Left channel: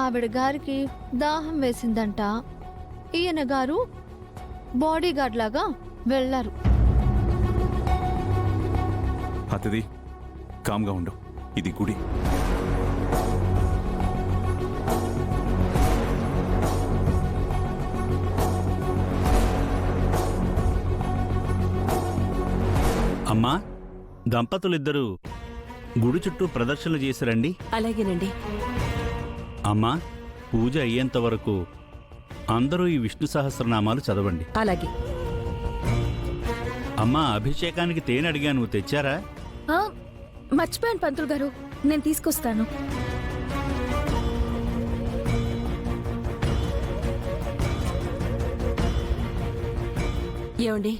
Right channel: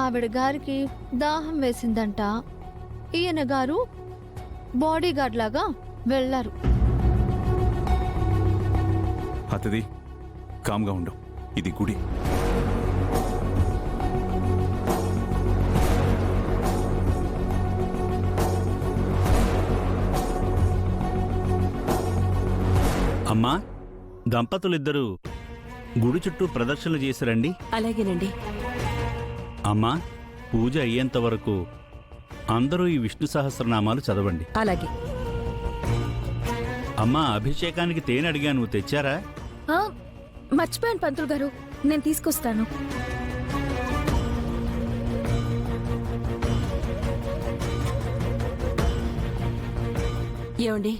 ఆవిడ గారికి దాహం వేసిందంట. ఈయన గారు బాడీగార్డ్ లాగా వెళ్లారు. అతిథి, కామ్గా ఉండు. ఇది గుడి. అమ్మా, దంపతులిద్దరూ గుడి చుట్టూ ప్రదక్షిణలు చేసిరండి. అలాగేనండి. అమ్మా, పూజ అయ్యేంత వరకు అందరూ ఈ విష్ణు సహస్రనామాలు చదవండి. అలాగే. అమ్మా, అభిషేకానికి తేనె అడిగాను, తెచ్చారా? మర్చిపోయాను పంతులు గారు, నేను తీసుకొస్తాను. ఏమండి,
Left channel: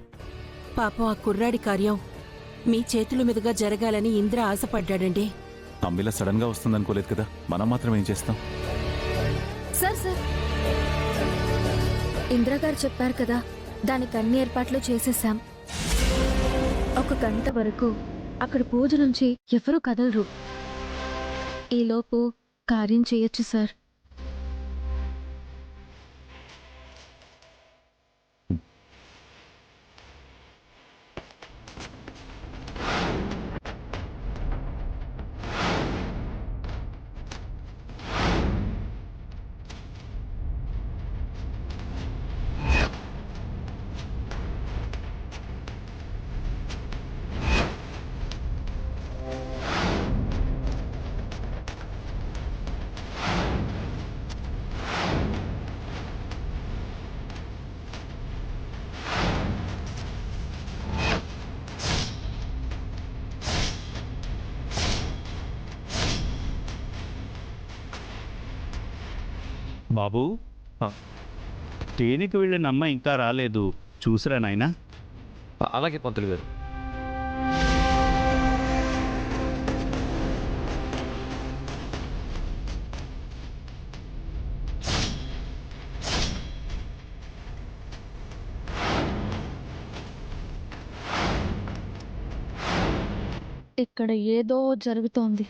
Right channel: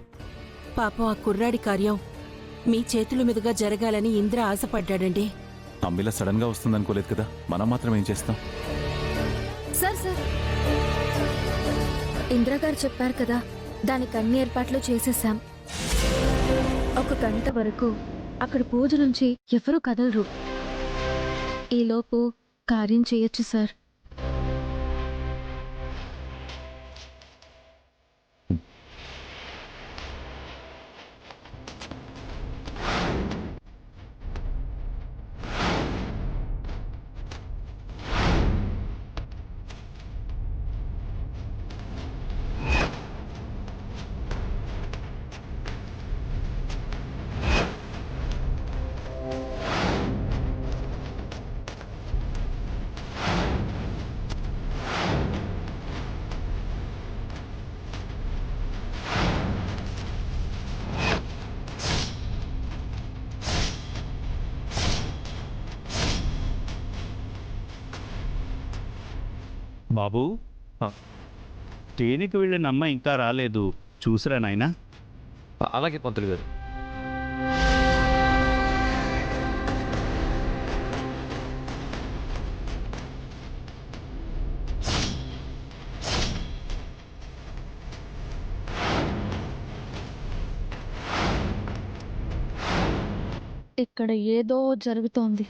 పాపం ఆ కుర్రాడి కార్యం మీ చేతుల మీదుగా జరగాలని ఇంద్ర ఆశపడ్డాడండి. అమ్మిలా సడన్ గా వస్తుందనుకోలేదు కదా, మనం మాత్రం ఏం చేస్తాం? సార్ ఇంద్రగారు చెప్పారు కదా, దానికి అన్ని ఏర్పాట్లు చేసేసాం. 1 గంట వరకు అక్కడ పూజ నుంచి ఎవరూ కదలరు. ఈలోపు కార్యం చేయొచ్చు సార్. బాబూ, తేనెకి వెళ్ళిన అమ్మ ఇంకా రాలేదు, చూసిరా నాయనా. అలాగే పంతులు గారు. ఇక్కడ ఏదో జరుగుతోంది.